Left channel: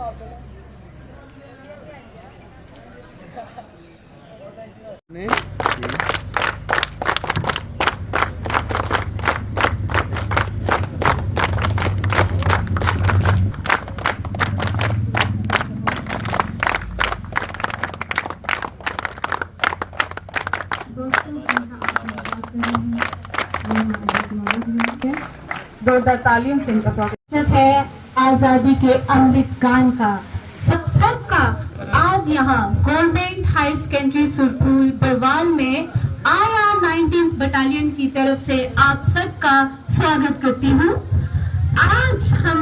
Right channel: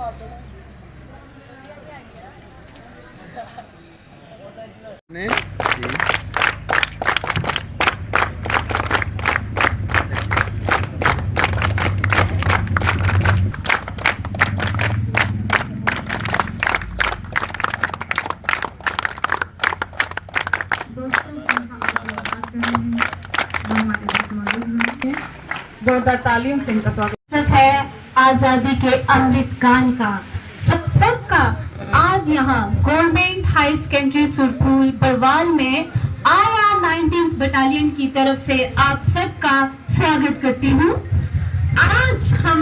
ने जी जोरदार तालियों से इनका स्वागत है आजादी के अमृत गान का। सबका आज यहाँ गवर्नमेंट हाई सेकेंडरी सुरपुर बरवाल में IR 19th बटालियन की तरफ से आप सबका स्वागत करती हूँ। आज हम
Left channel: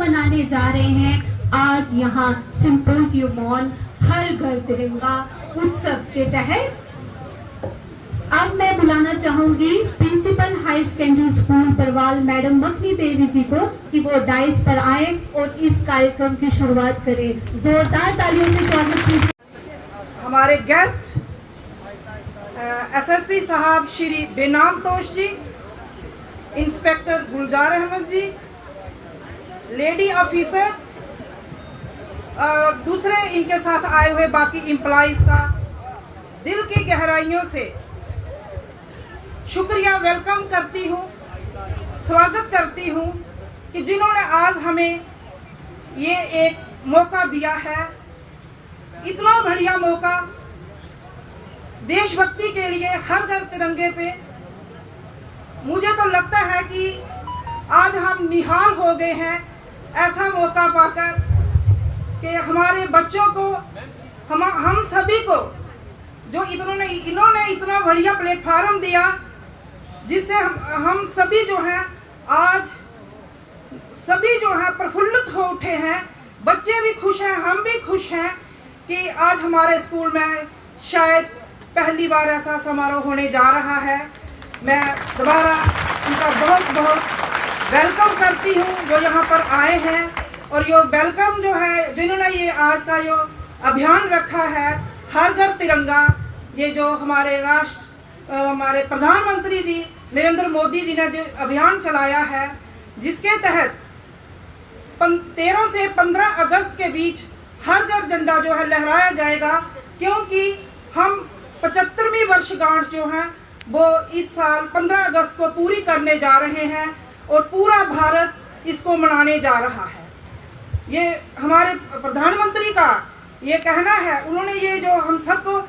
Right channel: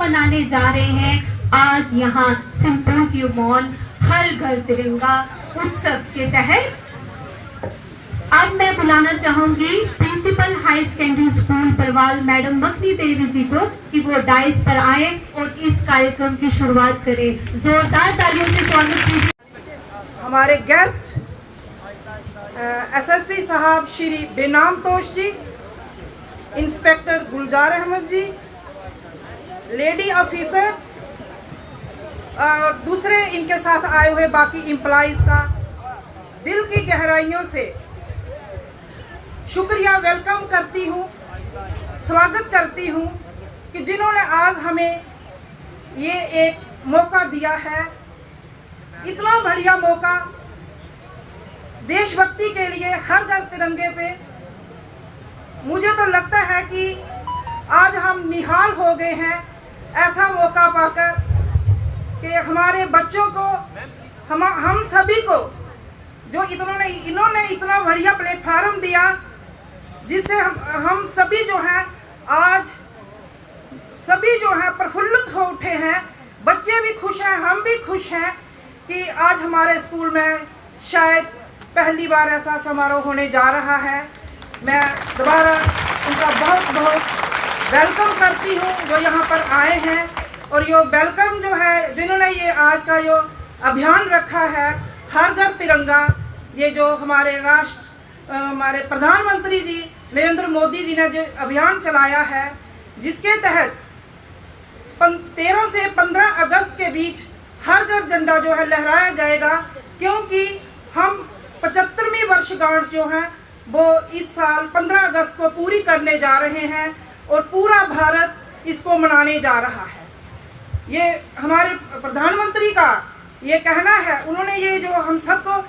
मनाने जा रहे हैं आज यहाँ सिंपोजियम ऑन हर घर तिरंगा उत्सव के तहत। अब मैं बुलाना चाहूंगी principal high secondary school Barwal madam Makhni Devi ji को कि वो डाइस पर आए और इस कार्यक्रम की शुरुआत करें। जोरदार तालियों से स्वागत कीजिए। हमारे गेस्ट SSP साहब श्री बेनाम तोश जी, इंस्पेक्टर गुलजार अहमद जी, लेडी ऑफिसर, दूसरे इनके साथ आए हुए बाकी एम्प्लॉइज का दिल की गहराइयों से शुक्रिया वेलकम करती हूँ, स्वागत करती हूँ कि जिन्होंने आज हमें ये एक मौका दिया है, इतना बढ़िया मौका देशभक्ति के लिए हर घर तिरंगे पे। मुझे तो लगता है कि आज हम निहाल हो गए हैं ऐसा मौका पाकर कि हमारे बच्चों को हम सभी को जो इन्होंने इतना बढ़िया प्लेटफार्म दिया जिससे हम सभी जो हैं आज सभी जो हैं प्रफुल्लित हो उठे हैं। बच्चे भी खुश हैं, हम भी खुश हैं कि आज हमारे स्कूल में शायद पहली बार ऐसा समारोह होने जा रहा है। मैं दोबारा उनका बहुत बहुत वेलकम करती हूँ जो यहाँ पर आए हैं और ये वेलकम जो है जिन्होंने ये आज का जो अभियान रखा है हर घर तिरंगा, ये जो हमारे प्रधानमंत्री जी नरेंद्र मोदी जी ने जो अभियान चलाया है जिसके तहत 13 से 15 अगस्त के बीच हर घर झंडा जो है लहराया जाएगा, क्योंकि हम 75वीं वर्षगांठ जो है वो इस साल 15 अगस्त को पूरी करने जा रहे हैं और पूरा भारत इसको मनाने जा रहा है। ये हमारे प्रधानमंत्री का ये कहना है, उन्होंने ये जो हम सबको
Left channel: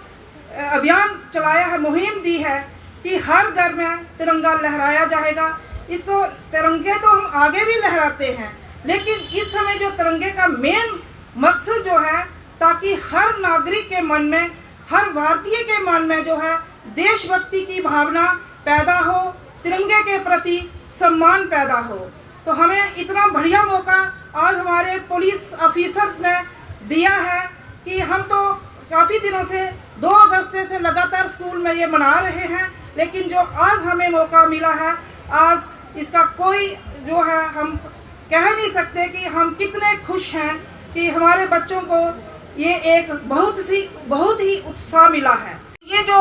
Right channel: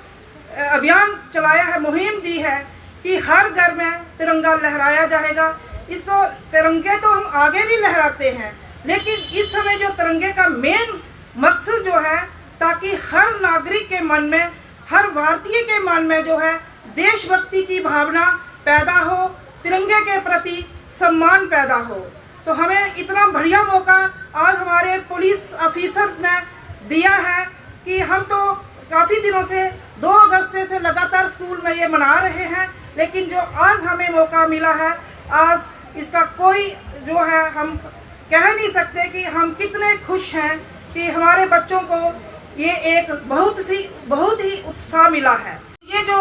अभियान चलाया है, मुहिम दी है कि हर घर में तिरंगा लहराया जाएगा। इसको तिरंगे तो हम आगे भी लहराते हैं, लेकिन इस समय जो तिरंगे का मेन मकसद जो है ताकि हर नागरिक के मन में, हर भारतीय के मन में जो है देशभक्ति की भावना पैदा हो, तिरंगे के प्रति सम्मान पैदा हो। तो हमें इतना बढ़िया मौका आज हमारे पुलिस ऑफिसर्स ने दिया है कि हम तो काफ़ी दिनों से 2 अगस्त से लगातार स्कूल में ये मना रहे हैं, लेकिन जो आज हमें मौका मिला है, आज इसका कोई जो है हम कह नहीं सकते कि हम कितने खुश हैं कि हमारे बच्चों को ये एक बहुत ही उत्साह मिला है। ये जो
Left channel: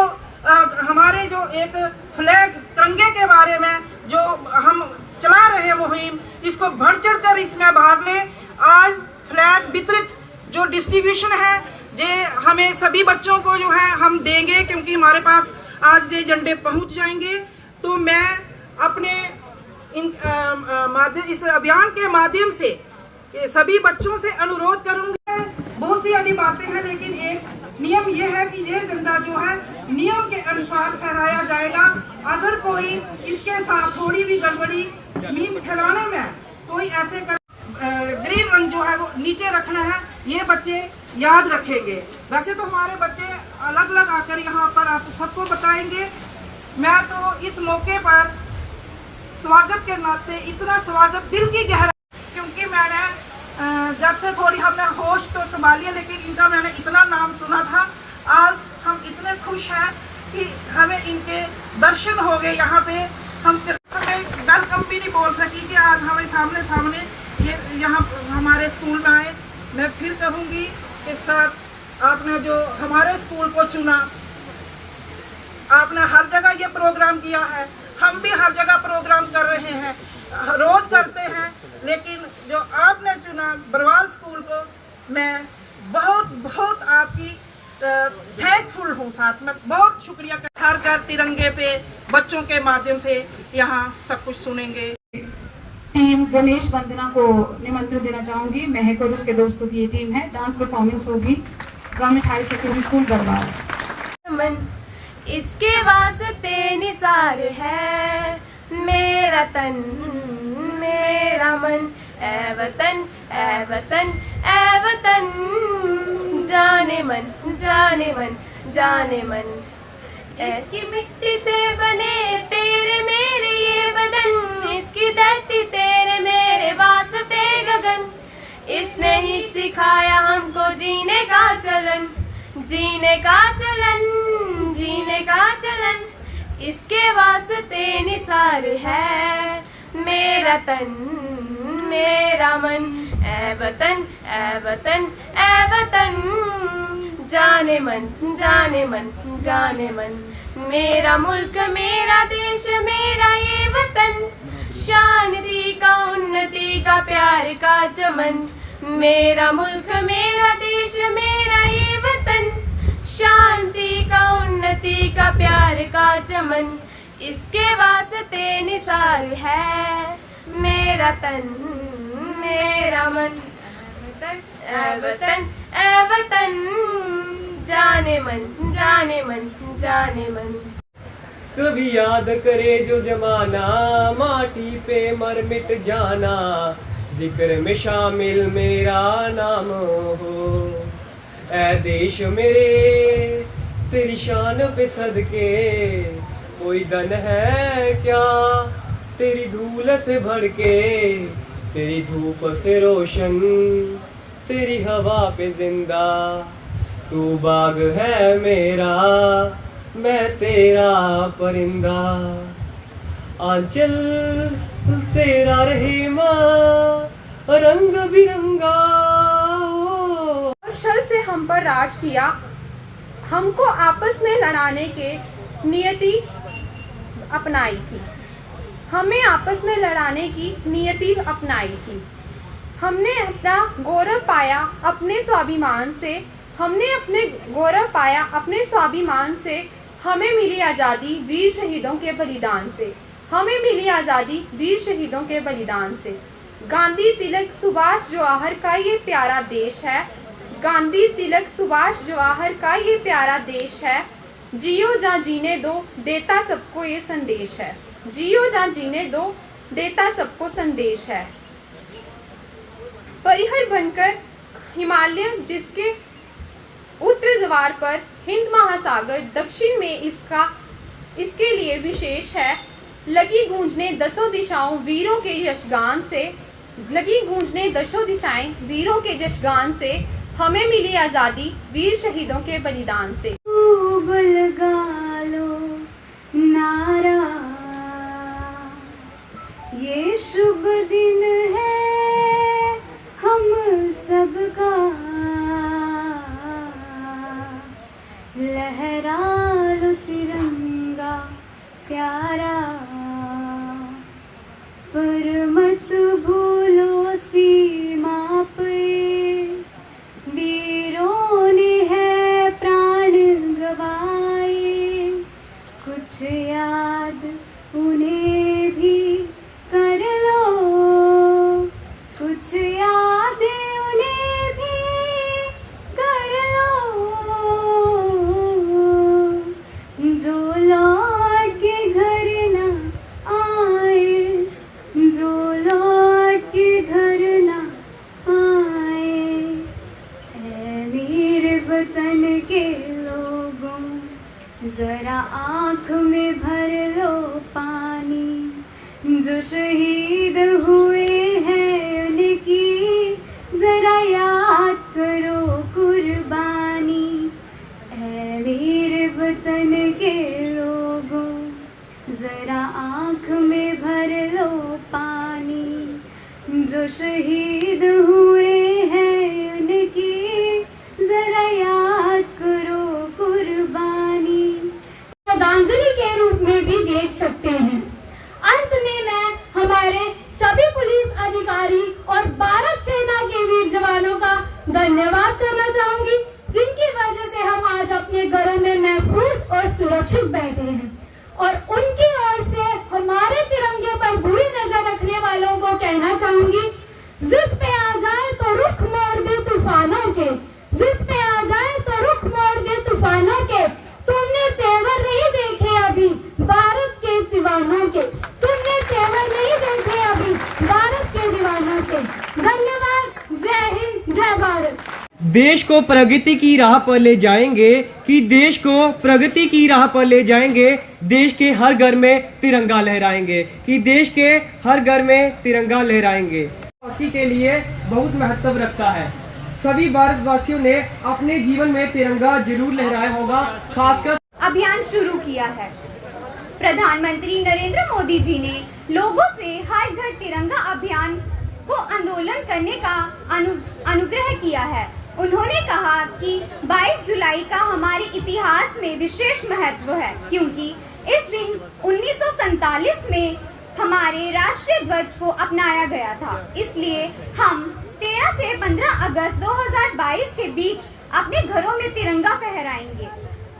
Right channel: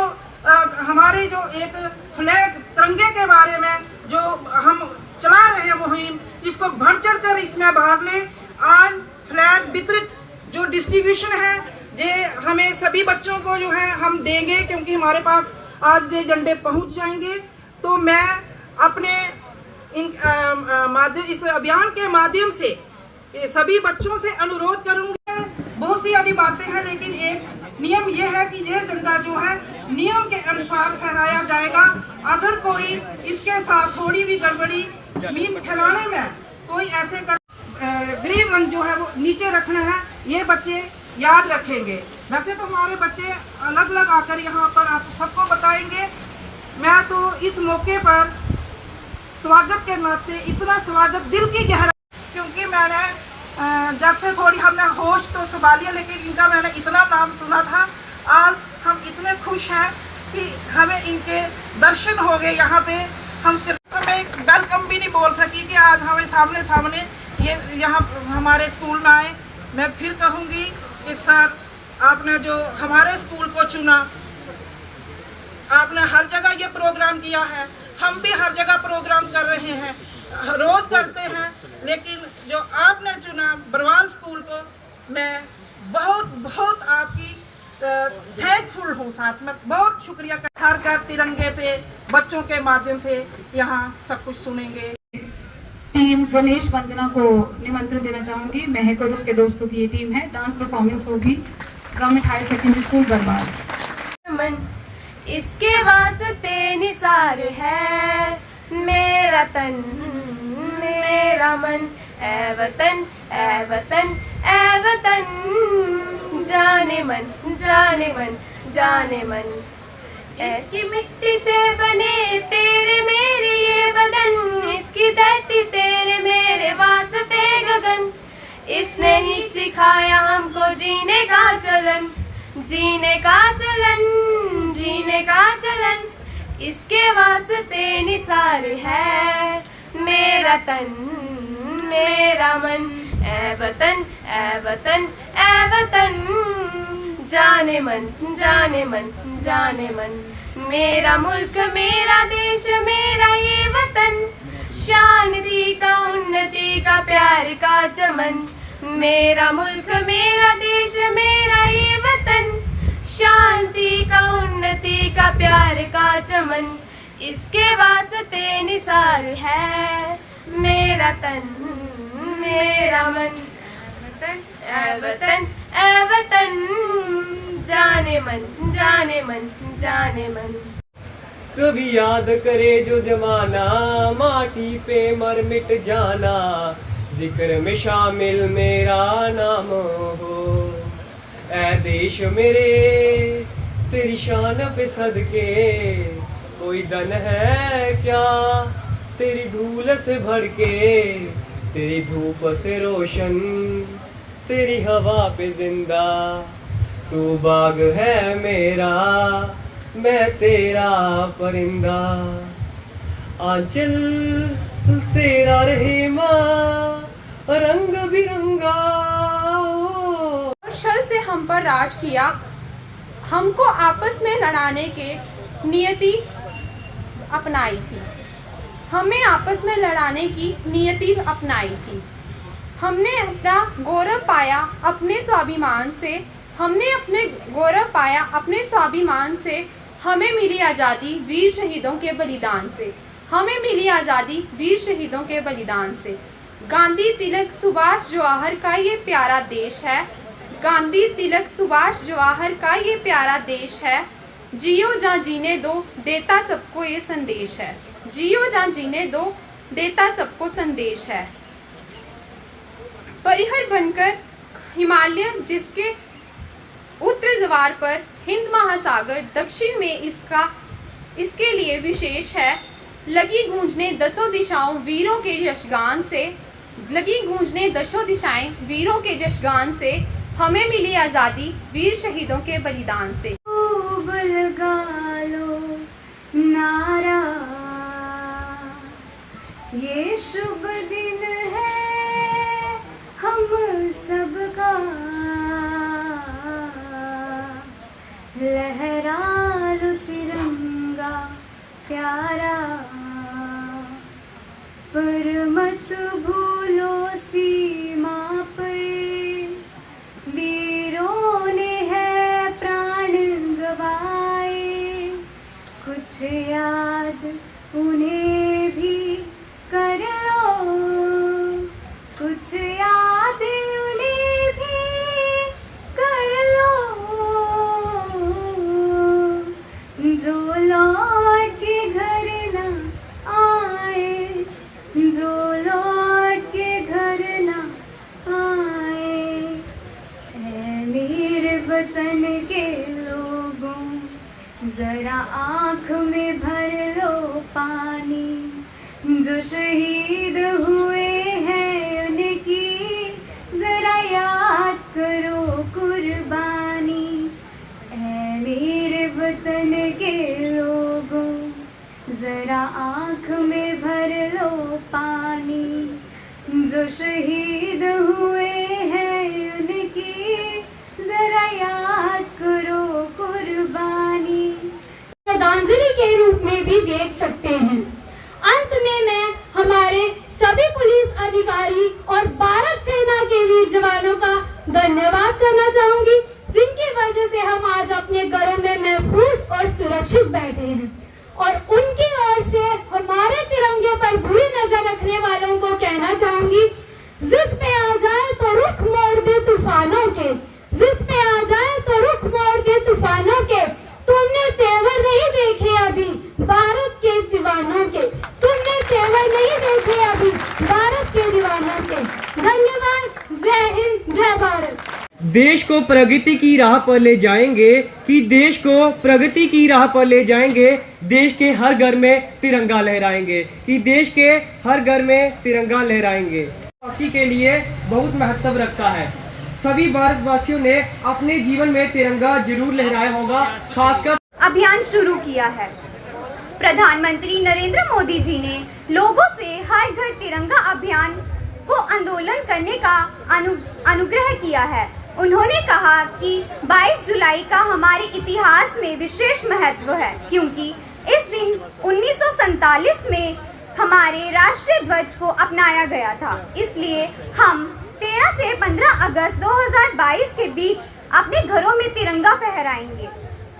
हमारे जो एक फ्लैग तिरंगे के बारे में जो हम चला रहे हैं मुहिम, इसको बढ़ चढ़ कर इसमें भाग लें। आज फ्लैग वितरित जो डिस्ट्रीब्यूशन है जे हमें सभी बच्चों को जो है हम देंगे, क्योंकि हमारे पास आज ये झंडे पहुंच जाएंगे। तो मैं अपने इस अभियान के माध्यम से सभी बच्चों से अनुरोध करूंगी। बहुत सी अभी बातें हैं, लेकिन एक नियम ये है कि ये झंडा जो है नियम के अनुसार फहराया जाएगा। अगर कोई इसके साथ थोड़ी भी गड़बड़ी मीन फैलाने में कोई ऐसे ग्रीन रंग जो है वो नीचे रखना है, ये बच्चे याद रखेंगे। वैसे तो हमारे बच्चे अलग अलग आकर यहाँ पर आप सबको बताएंगे। मैं तो इस मौके पर स्वागत के नाते इतना स्वागत दिल की गहराई, क्योंकि मैंने जब से थोड़ी हमने होश तो संभाली, लेकिन इनका मैंने इतना नाम सुना था। आज हम इतने खुश हैं कि हमें इनके दर्शन हो गए यहाँ पे। हम समय वेलकम भी नहीं बोल सकी कि आज हमें सामने ये यहाँ हमारे स्कूल में आए। मैं फिर कहूँगी कि साथ आपने जो हमारे स्कूल को चुना, आपने हर जगह ये प्रोग्राम किया है, हम भी हर जगह प्रोग्राम कर रहे हैं, रोज करते हैं, लेकिन जो आपने चुना अपना बरवाल स्कूल को मैं बहुत बहुत आपकी थैंकफुल हूँ। साथ में बहुत शुक्रिया हर घर तिरंगे पे बच्चों के माध्यम से यहाँ सब कुछ सुनेंगे। टीम गणेश वंदना को निमंत्रण देना चाहूंगी। महक और उसके दोस्तों की ये टीम है। डांस परफॉर्मेंस होगी government higher secondary school Barwal. मन इसके वास्ते निसार है मेरा तन मेरा मन, ऐ वतन ऐ वतन ऐ वतन, जाने मन जाने मन जाने मन। इसकी मिट्टी से बने तेरे मेरे ये बदन, इसकी धरती तेरे मेरे वास्ते गगन। इसने ही सिखाया हमको जीने का चलन, जीने का चलन, जीने का चलन। इसके वास्ते निसार है मेरा तन मेरा मन, ऐ वतन ऐ वतन ऐ वतन, जाने मन जाने मन जाने मन। मेरा मुल्क मेरा देश मेरा ये वतन, शांति का उन्नति का प्यार का चमन। मेरा मुल्क मेरा देश मेरा ये वतन, शांति का उन्नति का प्यार का चमन। इसके वास्ते निसार है मेरा तन मेरा मन, ऐ वतन ऐ वतन, जाने मन जाने मन जाने मन। कभी याद करे जो जमाना, माटी पे मर मिट जाना, जिक्र में शामिल मेरा नाम हो। ऐ देश मेरे तेरी शान पे सदके, कोई दन है क्या तेरी धूल से भड़के। तेरी धूप से रोशन तेरी हवा पे जिंदा, तू बाग है मेरा मैं तेरा परिंदा। आंचल तेरा रहे माँ रंग बिरंगा। छल से हम पर राज किया, हमको आपस में लड़ाने के नियति अपनाई थी, हमें आपस में लड़ाने की नियति अपनाई थी। हमने अपना गौरव पाया अपने स्वाभिमान से, हमने अपने गौरव पाया अपने स्वाभिमान से। हमें मिली आज़ादी वीर शहीदों के बलिदान से, हमें मिली आज़ादी वीर शहीदों के बलिदान से। गांधी तिलक सुभाष जवाहर का ये प्यारा देश है, गांधी तिलक सुभाष जवाहर का ये प्यारा देश है। जियो जा जीने दो देता सबको ये संदेश है, जियो जा जीने दो देता सबको संदेश है। परिहर बनकर हिमालय जिसके उत्तर द्वार पर हिंद महासागर, दक्षिण में इसके लिए विशेष है। लगी गूंजने दसों दिशाओं वीरों के यशगान से, लगी गूंजने दसों दिशाएं वीरों के यशगान से। हमें मिली आज़ादी वीर शहीदों के बलिदान से। खूब लगा लो नारा, ये शुभ दिन है हम सबका, लहरा लो तिरंगा प्यारा। पर मत भूलो सीमा पर वीरों ने है प्राण गवाए, कुछ याद उन्हें भी कर लो, कुछ याद उन्हें भी कर लो। जो लौट के घर न आए, जो लौट के घर न आए, ऐ मेरे वतन के लोगों जरा आँख में भर लो पानी। जो शहीद हुए हैं उनकी जरा याद करो कुर्बानी। ऐ मेरे वतन के लोगों जरा आँख में भर लो पानी। जो शहीद हुए हैं उनकी जरा याद करो कुर्बानी। श्रद्धांजलि के रूप में भी देख सकते हैं। अंत में मैं हमारे सभी पुलिस अधिकारी और भारत सेना के धन्यवाद करना चाहूंगी, जिनकी वजह से हम आज अपने घरों में महफूज और सुरक्षित बैठे हैं। और उनकी ओर से हमारे तिरंगे पर बुरी नजर रखने वालों को कहना चाहूंगी, जिद पे आ जाए तो रुख मोड़ दे तूफानों के, जिद पे आ जाए तो रुख मोड़ दे तूफानों के। तुमने तेवर नहीं देखे अभी भारत के दीवानों के, तुमने तेवर नहीं देखे अभी भारत के दीवानों के। धन्यवाद। जय हिंद, जय भारत। देश को प्रगति की राह पर ले जाएंगे, कि देश को प्रगति की राह पर ले जाएंगे, देश के हर घर में तिरंगा लहराएंगे, कि देश के हर घर में तिरंगा लहराएंगे। वासी के लिए बहुत महत्व रखता है। सभी भारतवासियों ने अपने जीवन में तिरंगा जरूर लहराया होगा। खासकर अभियान शुरू किया है। प्रधानमंत्री नरेंद्र मोदी जी ने लोगों से हर घर तिरंगा अभियान को आंदोलन करने का अनुग्रह किया है। उन्होंने कहा कि 22 जुलाई का हमारे इतिहास में विशेष महत्व है, क्योंकि इस दिन 1947 में हमारे राष्ट्रीय ध्वज को अपनाया गया था। इसलिए हम 13 से 15 अगस्त 2022 के बीच अपने घरों में तिरंगा फहराएंगे।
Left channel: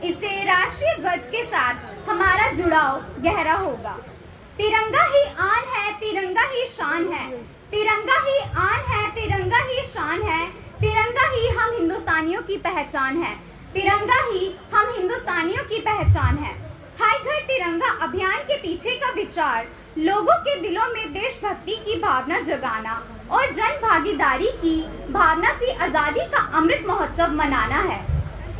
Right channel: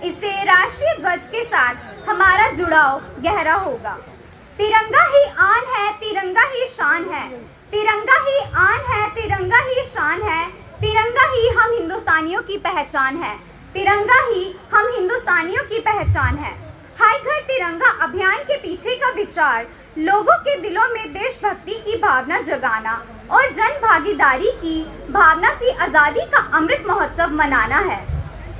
इससे राष्ट्रीय ध्वज के साथ हमारा जुड़ाव गहरा होगा। तिरंगा ही आन है, तिरंगा ही शान है, तिरंगा ही आन है, तिरंगा ही शान है, तिरंगा ही हम हिंदुस्तानियों की पहचान है, तिरंगा ही हम हिंदुस्तानियों की पहचान है। हर घर तिरंगा अभियान के पीछे का विचार लोगों के दिलों में देशभक्ति की भावना जगाना और जन भागीदारी की भावना से आज़ादी का अमृत महोत्सव मनाना है।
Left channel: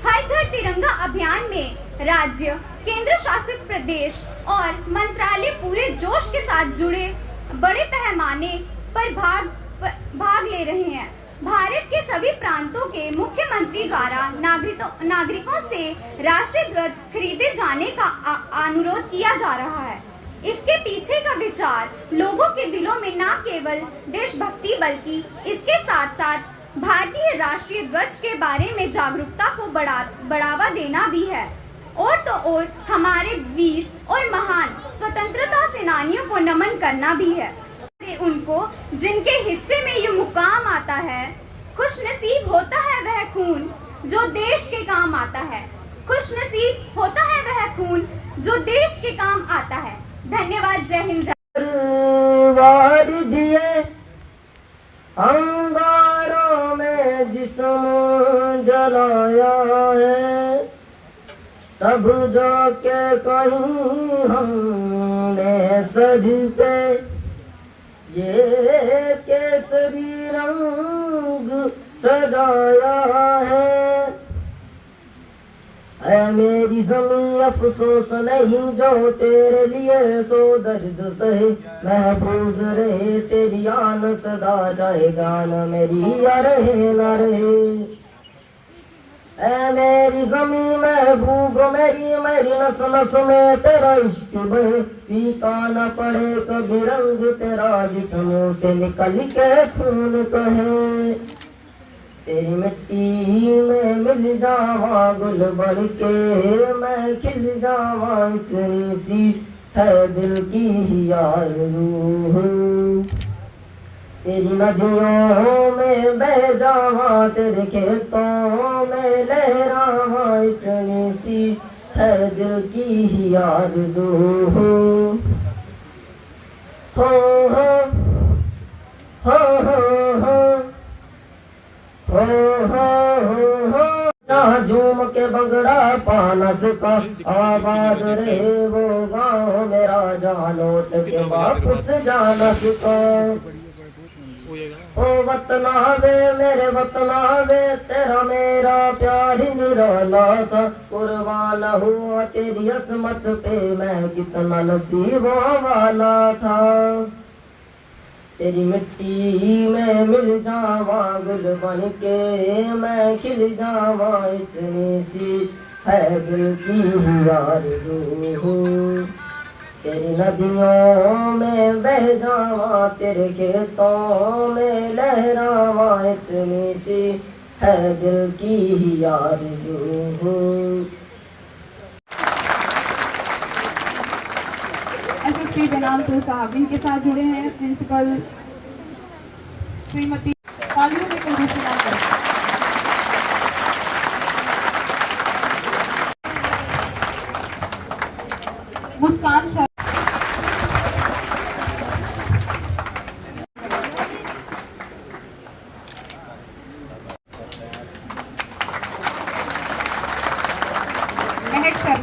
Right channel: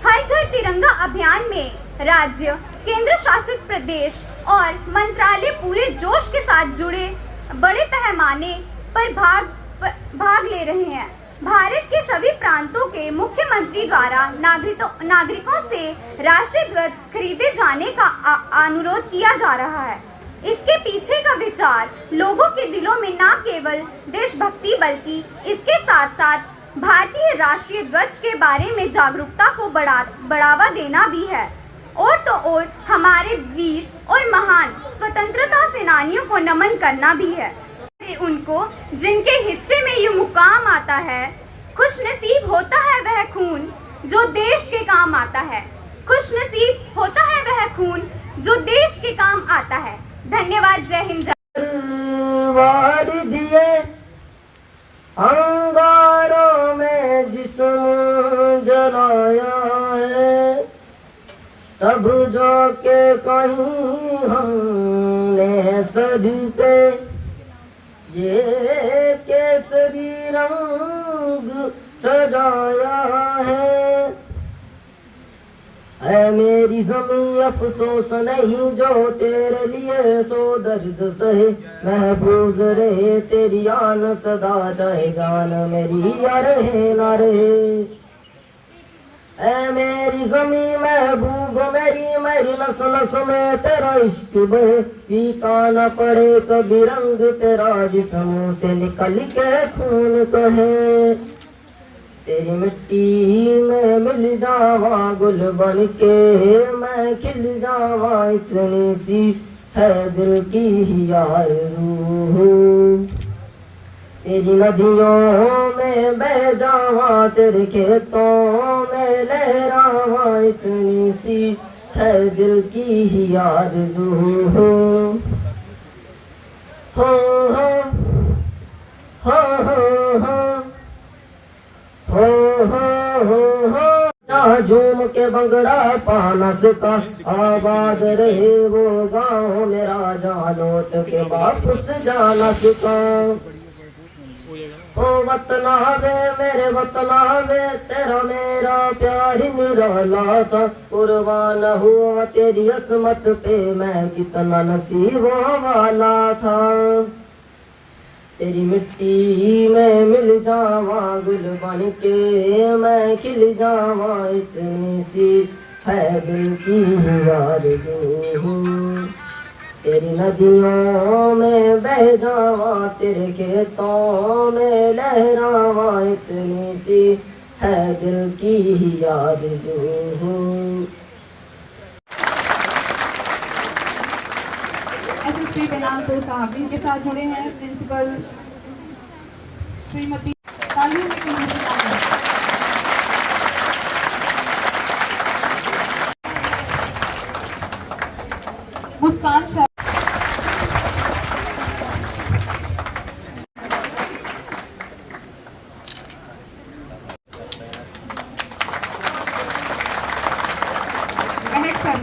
हर घर तिरंगा अभियान में राज्य, केंद्र शासित प्रदेश और मंत्रालय पूरे जोश के साथ जुड़े बड़े पैमाने पर भाग ले रहे हैं। भारत के सभी प्रांतों के मुख्यमंत्री द्वारा नागरिकों से राष्ट्रीय ध्वज खरीदे जाने का अनुरोध किया जा रहा है। इसके पीछे का विचार लोगों के दिलों में न केवल देशभक्ति बल्कि इसके साथ साथ भारतीय राष्ट्रीय ध्वज के बारे में जागरूकता को बढ़ावा देना भी है। और तो और हमारे वीर और महान स्वतंत्रता सेनानियों को नमन करना भी है। उनको जिनके हिस्से में ये मुकाम आता है, खुशनसीब होता है वह खून जो देश के काम आता है, खुशनसीब होता है वह खून जो देश के काम आता है। धन्यवाद। जय हिंद। अंगारों में जिस्म जलाया है, तब जाके कहीं हमने सर पे ये केसरी रंग सजाया है मेरी ज़मीं अफसोस नहीं जो तेरे लिए सो दर्द सहे, महफूज रहे तेरी आन सदा, चाहे जान मेरी या रहे ना रहे। ऐ मेरी ज़मीं महबूब मेरी नस नस में तेरा इश्क बहे, फीका न पड़े कभी रंग तेरा जिस्म से निकल के खून कहे। तेरी मिट्टी में मिल जावा गुल बन के मैं खिल जावा, इतनी सी है दिल की आरज़ू। तेरी नदियों में बह जावा, तेरे खेतों में लहरावा, इतनी सी है दिल की आरज़ू। हो हो हो हो जहाँ झूम के बंगड़ा पानस का आबाद रहे वो गाँव मेरा, जहाँ लौट के वापस जाना सिका। ओ वतना वे मेरे वतना वे, तेरा मेरा प्यार निराला था, कुर्बान हुआ तेरी असमत पे मैं कितना नसीबों वाला था। तेरी मिट्टी में मिल जावा गुल बन के मैं खिल जावा, इतनी सी है दिल की आरज़ू। तेरी नदियों में बह जावा, तेरे खेतों में लहरावा, इतनी सी है दिल की आरज़ू। एसएसपी जनाब साहब इनके साथ जुड़े हैं प्रिंसिपल श्रीमती तालियों के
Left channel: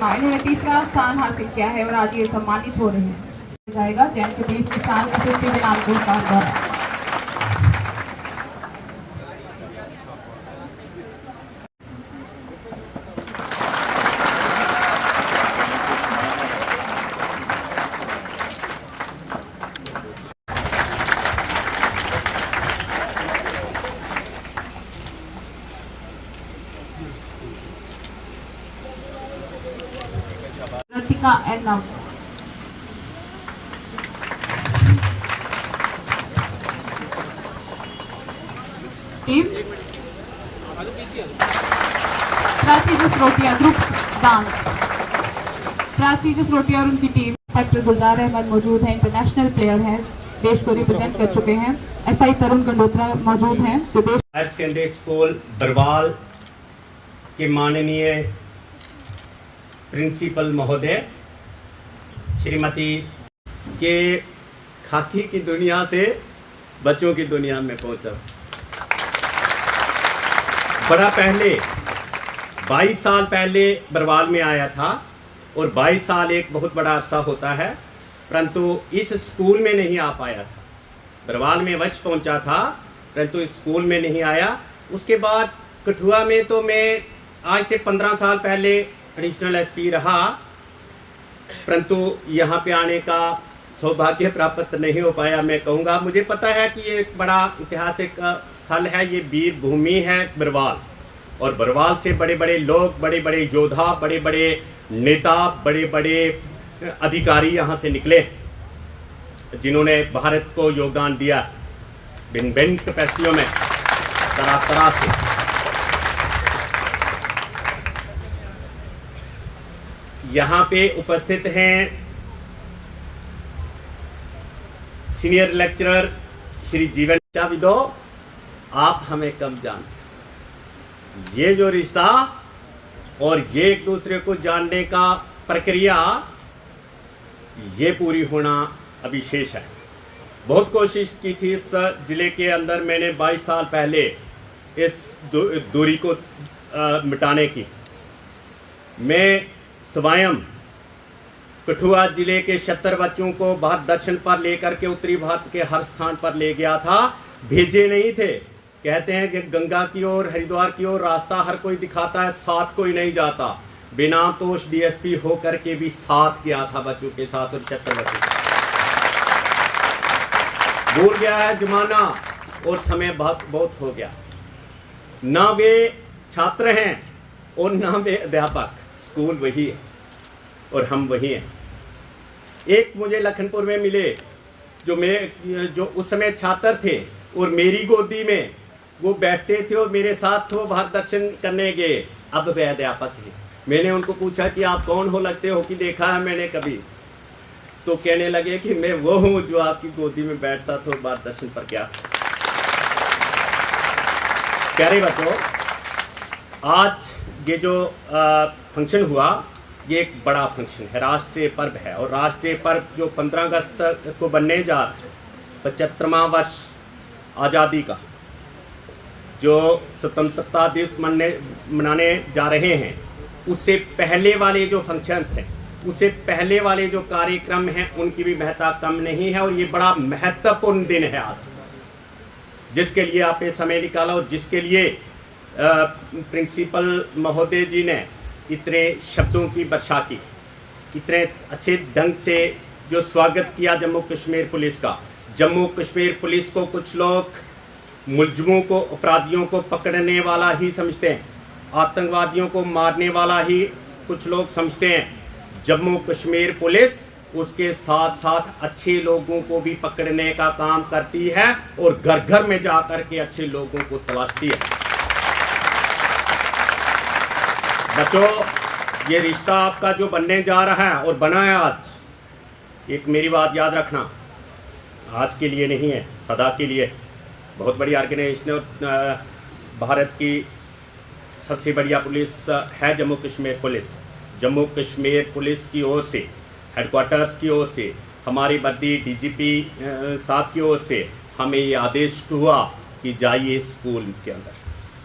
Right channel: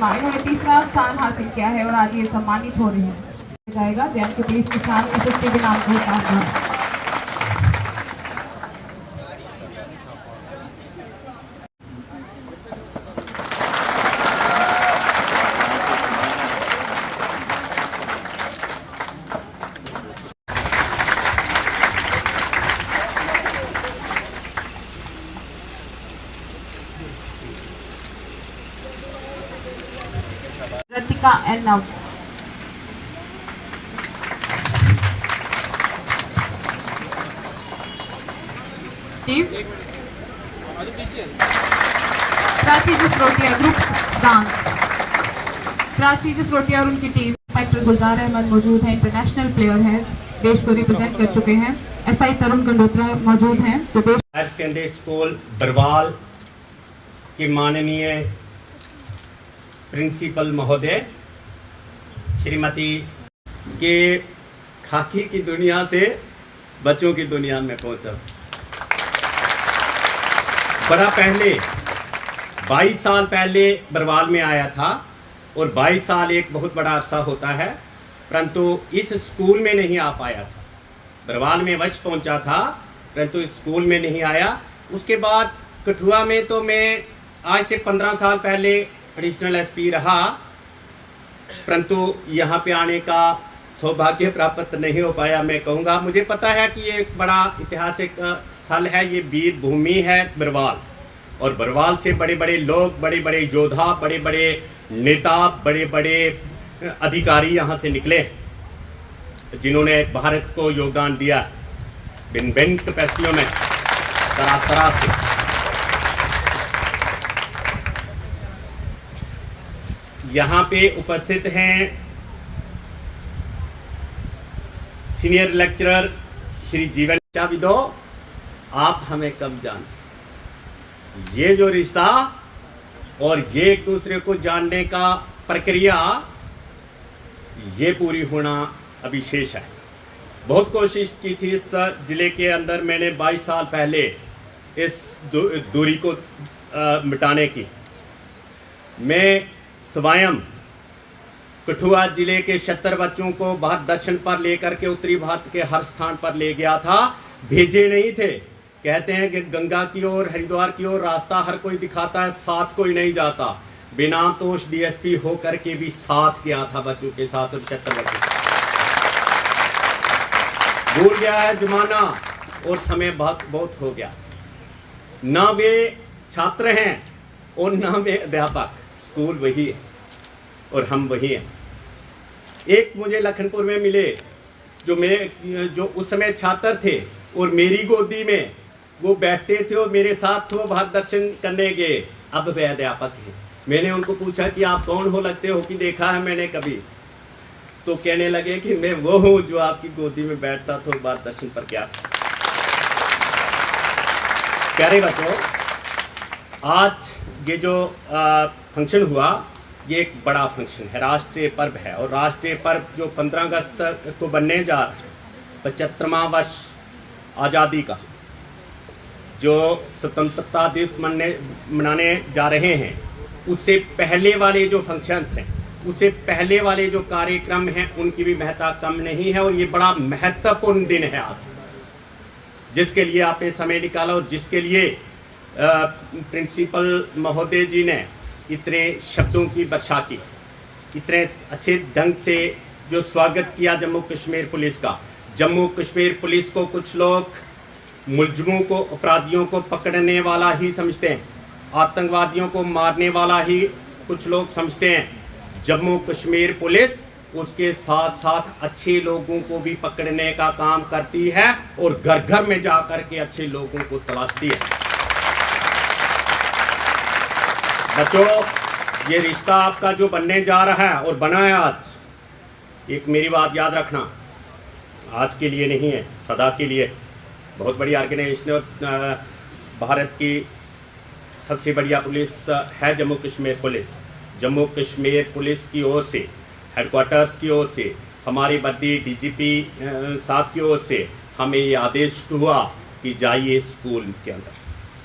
वर्मा, इन्होंने तीसरा स्थान हासिल किया है और आज ये सम्मानित हो रहे हैं। जाएगा जैन के पुलिस के शान यशस्वी दिनांक द्वारा। Ratika and now. Team. Prestigious Rotia Group Dance. Prestigious Rotia और उनकी टीम इंस्पेक्टर गुलजार अहमद मौजूद हैं, इंटरनेशनल प्लेयर हैं, देश को रिप्रेजेंट कर चुके हैं। एसआई तरुण कंडोत्रा मौजूद हैं जो देश हायर सेकेंडरी स्कूल बरवाल के माननीय प्रिंसिपल महोदय श्रीमती के खाकी की दुनिया से बच्चों की दुनिया में पहुंचा। बड़ा पहले 22 साल पहले बरवाल में आया था और 22 साल एक बहुत बड़ा अरसा होता है, परंतु इस स्कूल में नहीं आ पाया था। बरवाल में अवश्य पहुंचा था परंतु इस स्कूल में नहीं आया। उसके बाद कठुआ में तो मैं आज से 15 साल पहले एडिशनल एसपी रहा, परंतु यहाँ पे आने का सौभाग्य प्राप्त नहीं हो पाया। मैं कहूँगा मुझे पता है कि ये एक बड़ा ऐतिहासिक स्थल है, ये वीर भूमि है बरवाल, और बरवाल से बड़े बड़े लोग, बड़े बड़े योद्धा, बड़े बड़े नेता, बड़े बड़े अधिकारी यहाँ से निकले जिन्होंने भारत को योगदान दिया भिन्न भिन्न कैपेसिटियों में, तरह तरह से। यहाँ पे उपस्थित हैं सीनियर लेक्चरर श्री जीवन चाविदो। आप हमें कम जानते, ये जो रिश्ता और ये एक दूसरे को जानने का प्रक्रिया ये पूरी होना अभी शेष है। बहुत कोशिश की थी इस जिले के अंदर मैंने 22 साल पहले इस दूरी को मिटाने की। मैं स्वयं कठुआ जिले के 76 बच्चों को भारत दर्शन पर लेकर के उत्तरी भारत के हर स्थान पर ले गया था। भेजे नहीं थे, कहते हैं कि गंगा की ओर, हरिद्वार की ओर रास्ता हर कोई दिखाता है, साथ कोई नहीं जाता। बिना तोष डीएसपी होकर के भी साथ गया था बच्चों के साथ, और 76 बच्चों भूल गया है जमाना और समय बहुत हो गया। ना वे छात्र हैं और ना वे अध्यापक, स्कूल वही है और हम वही हैं। एक मुझे लखनपुर में मिले जो उस समय छात्र थे और मेरी गोदी में वो बैठते थे और मेरे साथ वो भारत दर्शन करने गए। अब वे अध्यापक हैं। मैंने उनको पूछा कि आप कौन हो, लगते हो कि देखा है मैंने कभी, तो कहने लगे कि मैं वो हूँ जो आपकी गोदी में बैठता था भारत दर्शन पर। क्या प्यारे बच्चों, आज ये जो फंक्शन हुआ ये एक बड़ा फंक्शन है, राष्ट्रीय पर्व है। और राष्ट्रीय पर्व जो 15 अगस्त को बनने जा रहा है, 75वां वर्ष आज़ादी का, जो स्वतंत्रता दिवस मनाने जा रहे हैं, उससे पहले वाले जो फंक्शंस हैं, उससे पहले वाले जो कार्यक्रम हैं, उनकी भी महत्ता कम नहीं है। और ये बड़ा महत्वपूर्ण दिन है आज, जिसके लिए आपने समय निकाला और जिसके लिए प्रिंसिपल महोदय जी ने इतने शब्दों की वर्षा की, इतने अच्छे ढंग से जो स्वागत किया जम्मू कश्मीर पुलिस का। जम्मू कश्मीर पुलिस को कुछ लोग मुलजिमों को, अपराधियों को पकड़ने वाला ही समझते हैं, आतंकवादियों को मारने वाला ही कुछ लोग समझते हैं। जम्मू कश्मीर पुलिस उसके साथ साथ अच्छे लोगों को भी पकड़ने का काम करती है और घर घर में जाकर के अच्छे लोगों को तलाशती है। बच्चों, ये रिश्ता आपका जो बनने जा रहा है और बना है आज, एक मेरी बात याद रखना, आज के लिए नहीं है, सदा के लिए। बहुत बड़ी ऑर्गेनाइजेशन, भारत की सबसे बढ़िया पुलिस है जम्मू कश्मीर पुलिस। जम्मू कश्मीर पुलिस की ओर से, हेडक्वार्टर्स की ओर से, हमारे बद्दी डीजीपी साहब की ओर से हमें ये आदेश हुआ कि जाइए स्कूल के अंदर,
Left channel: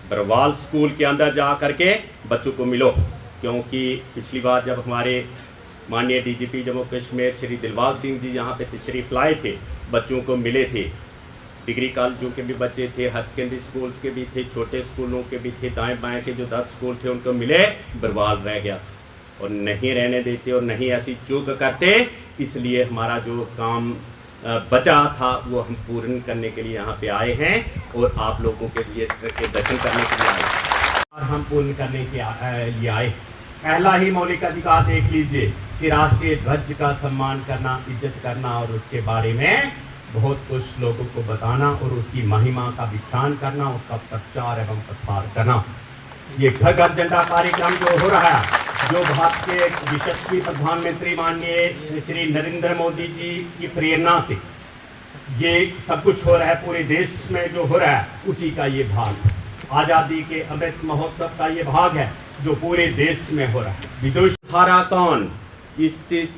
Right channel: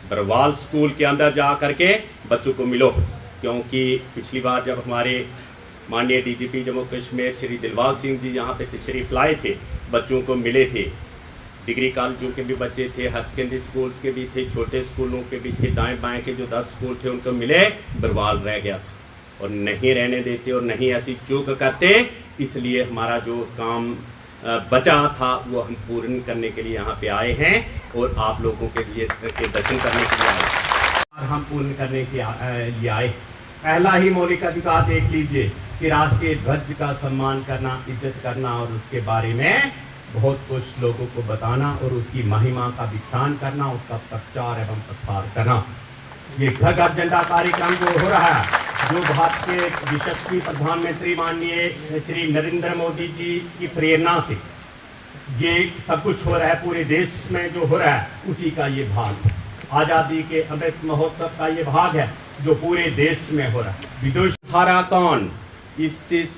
बरवाल स्कूल के अंदर जा करके बच्चों को मिलो, क्योंकि पिछली बार जब हमारे माननीय डीजीपी जम्मू कश्मीर श्री दिलबाग सिंह जी यहाँ पे तशरीफ़ लाए थे, बच्चों को मिले थे, डिग्री कॉलेजों के भी बच्चे थे, हायर सेकेंडरी स्कूल्स के भी थे, छोटे स्कूलों के भी थे, दाएं बाएं के जो 10 स्कूल थे उनको मिले, बरवाल रह गया था और नहीं रहने देते और नहीं ऐसी चूक करते। इसलिए हमारा जो काम बचा था वो हम पूर्ण करने के लिए यहाँ पे आए हैं और आप लोगों के लिए के दर्शन करने के लिए आए, हम पूर्ण करने के लिए आए। पहला ही मौलिक अधिकार देख लीजिए कि राष्ट्रीय ध्वज का सम्मान करना, इज्जत करना और उसके बारे में बहुत कुछ लोगों को बताना और उसकी महिमा का विख्यान करना, उसका प्रचार एवं प्रसार करना। ये घर घर झंडा कार्यक्रम जो हो रहा है, जो भारत के यशस्वी प्रधानमंत्री माननीय श्री नरेंद्र मोदी जी की प्रेरणा से ये सब कुछ हो रहा है, पूरे देश में जो हो रहा है उसी का ये भाग है। आज़ादी के अमृत महोत्सव का ये भाग है जो पूरे देश में हो रहा है। विदुष हारा कौन, इस चीज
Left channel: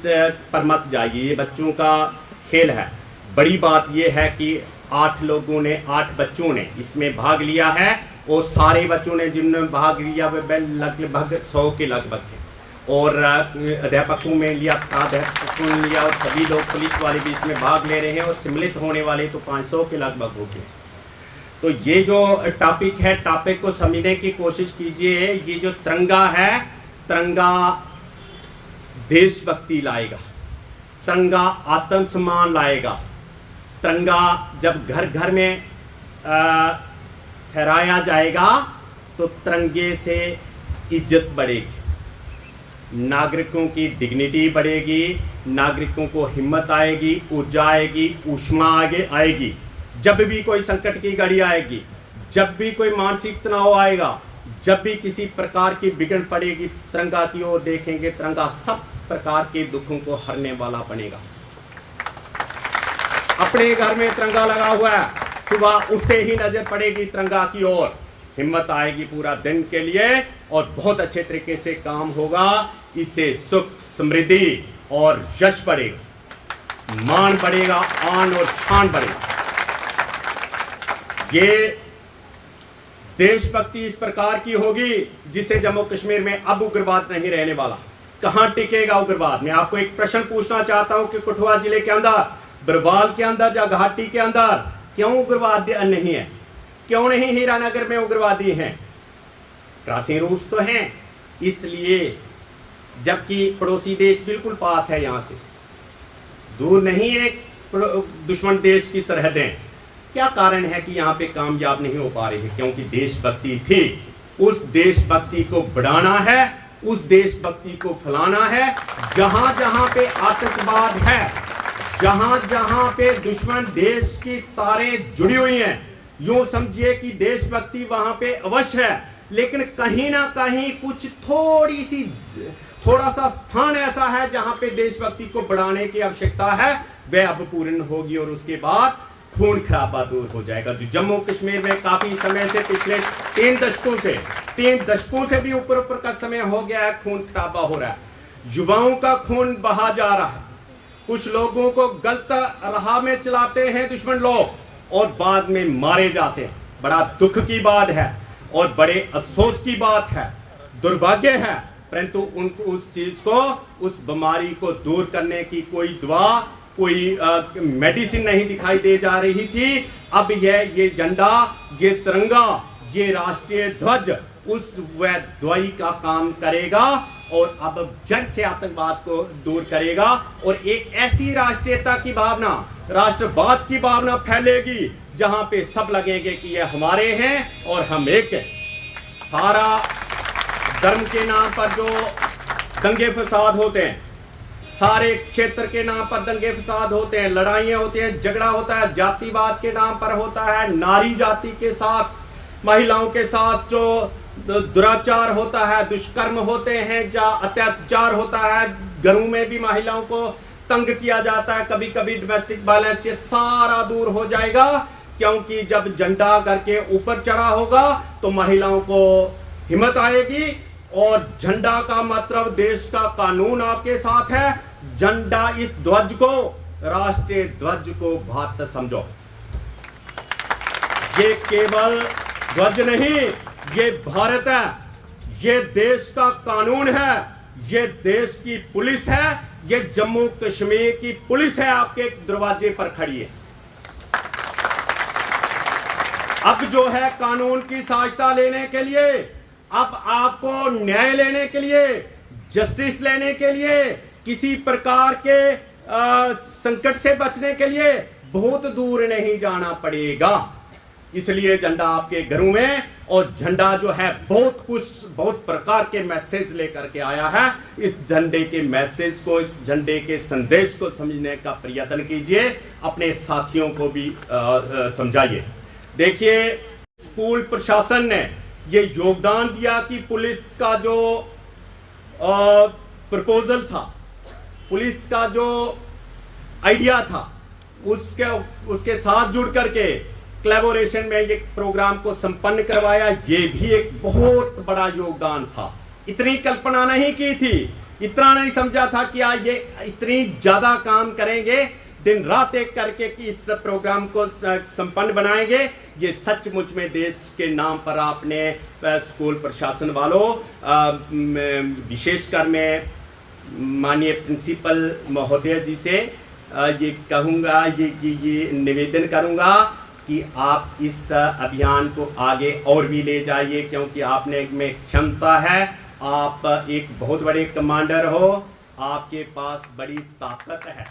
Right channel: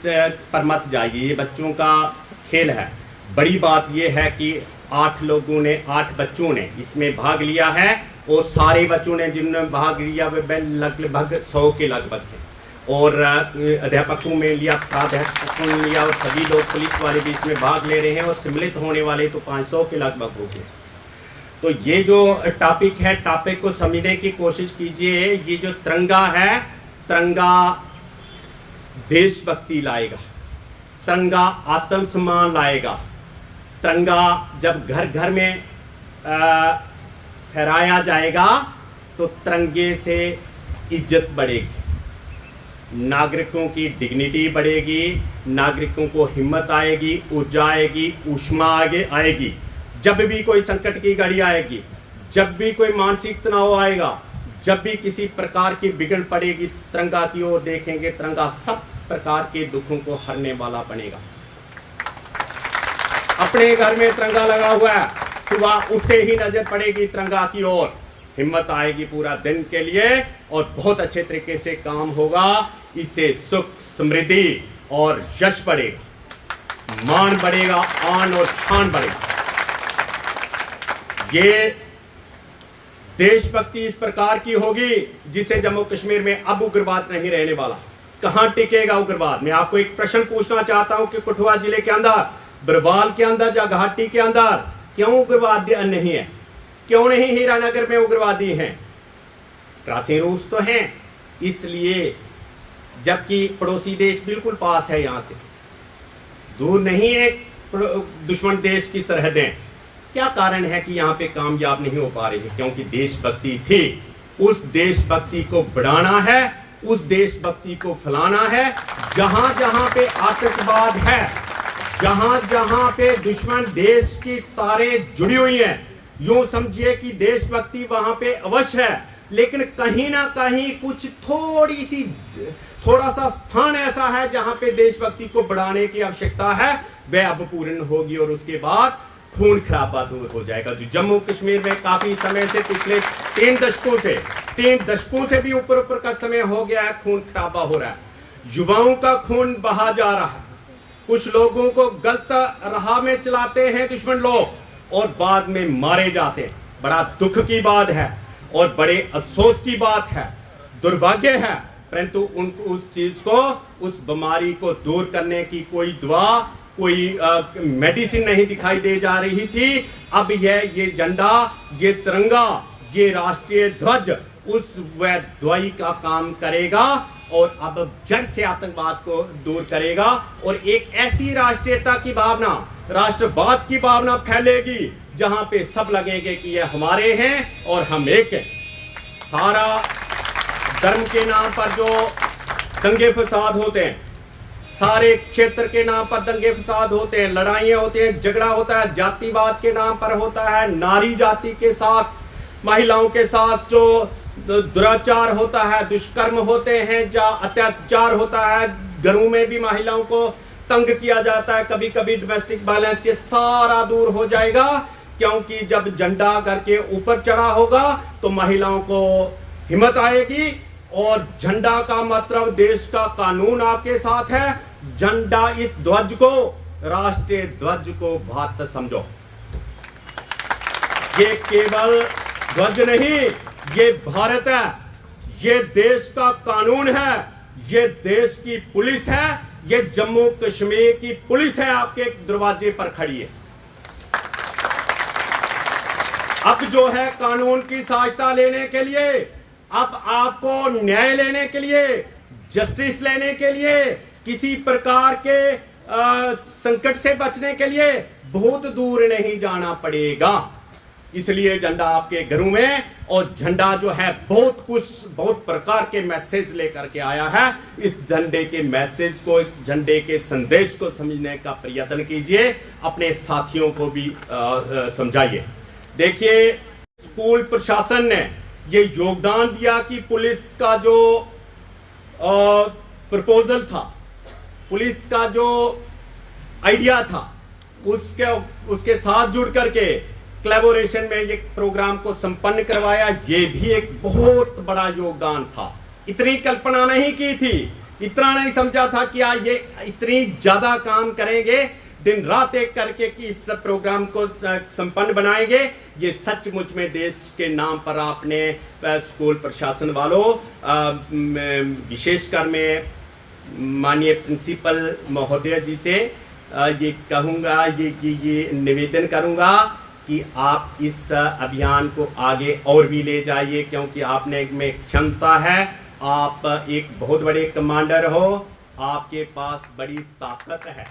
पर मत जाइए, ये बच्चों का खेल है। बड़ी बात यह है कि 8 बच्चों ने इसमें भाग लिया है और सारे बच्चों ने जिन्होंने भाग लिया वे लगभग 100 के लगभग हैं और अध्यापकों में लिया, प्राध्यापकों ने लिया और सभी लोग पुलिस वाले भी इसमें भाग ले रहे हैं और सम्मिलित होने वाले तो 500 के लगभग हो गए। तो ये जो टॉपिक है, टॉपिक को समझने की कोशिश कीजिए। ये जो तिरंगा है, तिरंगा देशभक्ति लाएगा, तिरंगा आत्मसम्मान लाएगा। तिरंगा जब घर घर में फहराया जाएगा तो तिरंगे से इज्जत बढ़ेगी, नागरिकों की डिग्निटी बढ़ेगी, नागरिकों को हिम्मत आएगी, ऊर्जा आएगी, ऊष्मा आगे आएगी। जब भी कोई संकट की घड़ी आएगी, जब भी कोई मानसिक तनाव आएगा, जब भी किसी प्रकार की बिगड़ पड़ेगी, तिरंगा की ओर देखेंगे, तिरंगा सब प्रकार के दुखों को हरने वाला बनेगा। अपने घर में तिरंगा लगा हुआ है, सुबह उठते ही नजर पड़ेगी तिरंगा की ओर, हिम्मत आएगी पूरा दिन के लिए और बहुत अच्छे तरीके से काम होगा। इससे सुख, समृद्धि और यश बढ़ेगा, मान बढ़ेगा, आन और शान बढ़ेगा। ये देशभक्ति इस प्रकार की होगी जिससे जम्मू कश्मीर में अब उग्रवाद नहीं रहने वाला। कहां टिकेगा उग्रवाद? मैं आपको एक प्रश्न पूछना चाहता हूं कि कठुआ जिले के अंदर, बरवाल के अंदर या घाटी के अंदर क्यों उग्रवाद नहीं है? क्यों नहीं हीरानगर में उग्रवादी हैं? क्रॉसिंग रूट्स तो हैं, इसलिए, जबकि पड़ोसी देश बिल्कुल पास है, यहां से दूर नहीं है दुश्मन देश की सरहदें। क्या कारण है कि यहां पे कामयाब नहीं हो पा रही है? क्योंकि देशभक्ति थी। उस देशभक्ति को बढ़ाना है, उस देशभक्ति को फैलाना है। जहां जहां पे आतंकवाद है, जहां जहां पे दुश्मन देश की तारें जुड़ी हुई हैं, यूं समझिए कि देशभक्ति वहां पे अवश्य है, लेकिन कहीं ना कहीं कुछ थोड़ा सा स्थान ऐसा है जहां पे देशभक्ति को बढ़ाने की आवश्यकता है, वह अब पूर्ण होगी और उसके बाद खून खराबा दूर हो जाएगा। जो जम्मू कश्मीर में काफी समय से, पिछले 3 दशकों से भी ऊपर का समय हो गया है, खून खराबा हो रहा है, युवाओं का खून बहा जा रहा है। कुछ लोगों को गलत राह में चलाते हैं दुश्मन लोग और बाद में मारे जाते हैं। बड़ा दुख की बात है और बड़े अफसोस की बात है, दुर्भाग्य है, परंतु उनको उस चीज को, उस बीमारी को दूर करने की कोई दवा, कोई मेडिसिन नहीं दिखाई दे जा रही थी। अब ये झंडा, ये तिरंगा, ये राष्ट्रीय ध्वज उस वह दवाई का काम करेगा और अब जड़ से आतंकवाद को दूर करेगा और एक ऐसी राष्ट्रीयता की भावना, राष्ट्रवाद की भावना फैलेगी जहां पे सब लगेंगे कि ये हमारे हैं और हम एक हैं। सारा धर्म के नाम पर जो दंगे फसाद होते हैं, सारे क्षेत्र के नाम पर दंगे फसाद होते हैं, लड़ाइयां होती हैं, झगड़ा होता है, जातिवाद के नाम पर होता है, नारी जाति के साथ, महिलाओं के साथ जो दुराचार होता है, दुष्कर्म होते हैं, जा अत्याचार होता है, घरों में भी महिलाओं को तंग किया जाता है, कभी कभी डोमेस्टिक वायलेंस, ये सारा दूर हो जाएगा। क्योंकि जब झंडा घर के ऊपर चढ़ा होगा तो महिलाओं को हिम्मत आएगी और झंडा का मतलब देश का कानून आपके साथ है। झंडा, इस ध्वज को, राष्ट्रीय ध्वज को भारत समझो। ये केवल ध्वज नहीं, ये भारत है, ये देश का कानून है, ये देश की पुलिस है, ये जम्मू कश्मीर की पुलिस है, आपके दरवाजे पर खड़ी है। अब जो है कानून की सहायता लेने के लिए, अब आपको न्याय लेने के लिए, जस्टिस लेने के लिए, किसी प्रकार के संकट से बचने के लिए बहुत दूर नहीं जाना पड़ेगा। इसलिए झंडा आपके घरों में, और झंडा जो है बहुत प्रकार के मैसेज लेकर के आया है। इस झंडे के मैसेज को, इस झंडे के संदेश को समझने का प्रयत्न कीजिए, अपने साथियों को भी समझाइए। देखिए, स्कूल प्रशासन ने ये योगदान दिया कि पुलिस का जो प्रपोजल था, पुलिस का जो आइडिया था, उसके साथ जुड़ करके कोलैबोरेशन में ये प्रोग्राम को संपन्न करवाया। ये भी एक बहुत बड़ा योगदान था। इतनी कल्पना नहीं की थी, इतना नहीं समझा था कि आज ये इतनी ज्यादा काम करेंगे, दिन रात एक करके कि इस प्रोग्राम को संपन्न बनाएंगे। ये सचमुच में देश के नाम पर आपने स्कूल प्रशासन वालों, विशेषकर मैं माननीय प्रिंसिपल महोदय जी से ये कहूँगा, ये निवेदन करूँगा कि आप इस अभियान को आगे और भी ले जाइए, क्योंकि आपने में क्षमता है, आप एक बहुत बड़े कमांडर हो, आपके पास बड़ी ताकत है।